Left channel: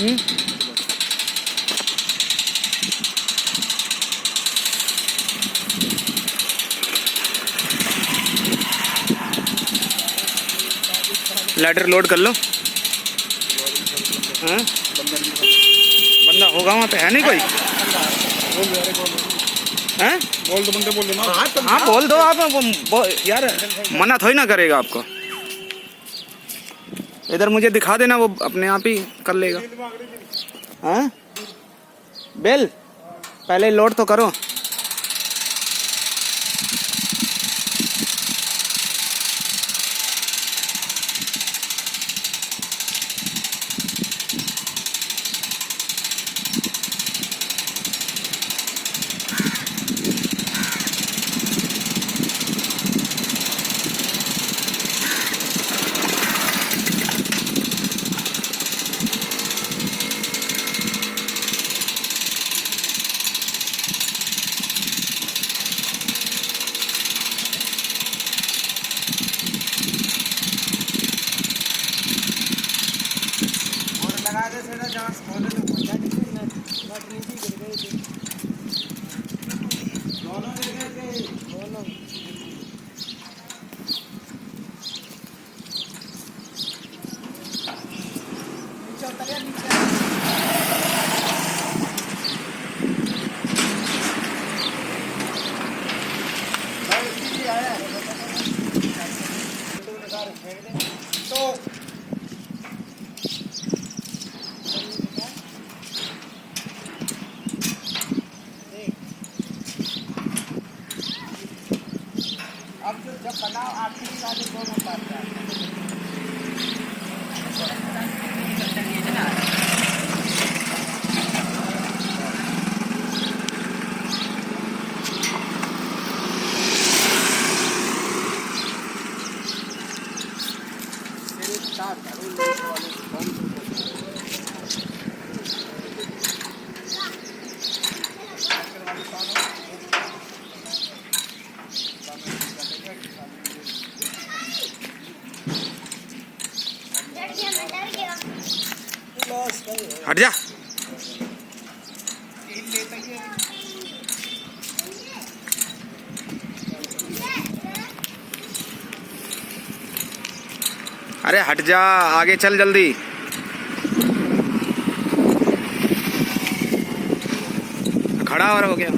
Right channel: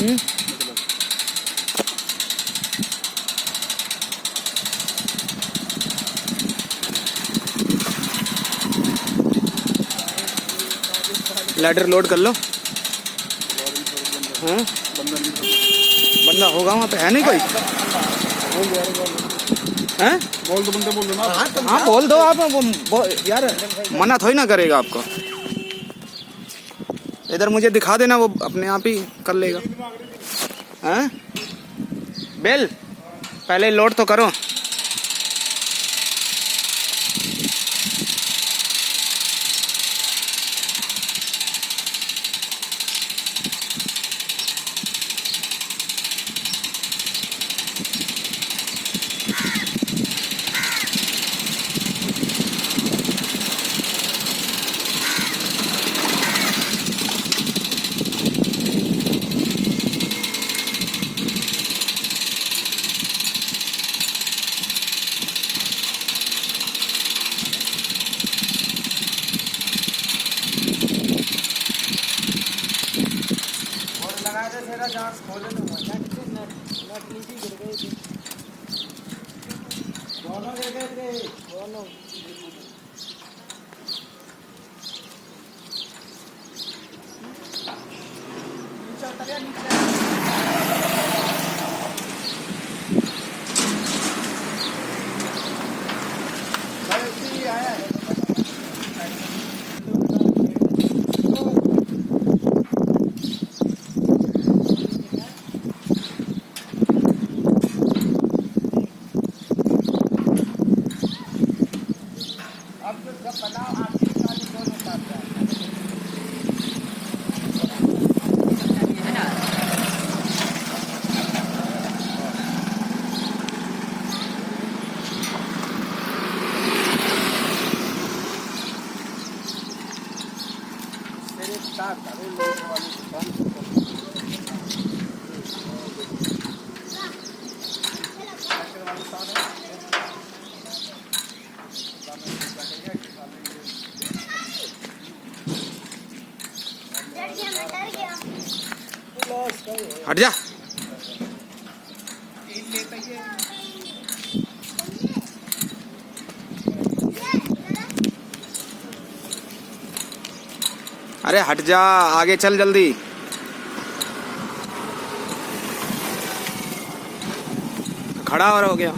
Ladder load कर लो। हाँ बंदा होगा वहाँ पे, है नहीं कोई? हैं? बोल दो बंदे, बोल देना। हाँ बोल दो आप, वो यार मना थोड़ी ना करेगा आपको। इधर मुझे दिखा देना, वो अपने आप ही कर लेगा। हाँ बेल पहले लोड तो करो। लगा दे तेरा जहाँ खोले तो मजा किसी नट नीचे गिर गए थे दोनों, गिर गए थे दोनों। नीचे उतरिया, नीचे जब बनाओ आपकी साथ दोनों बात हट जा। अरे हट जा, आगे चल जल्दी। खड़ा हो गया।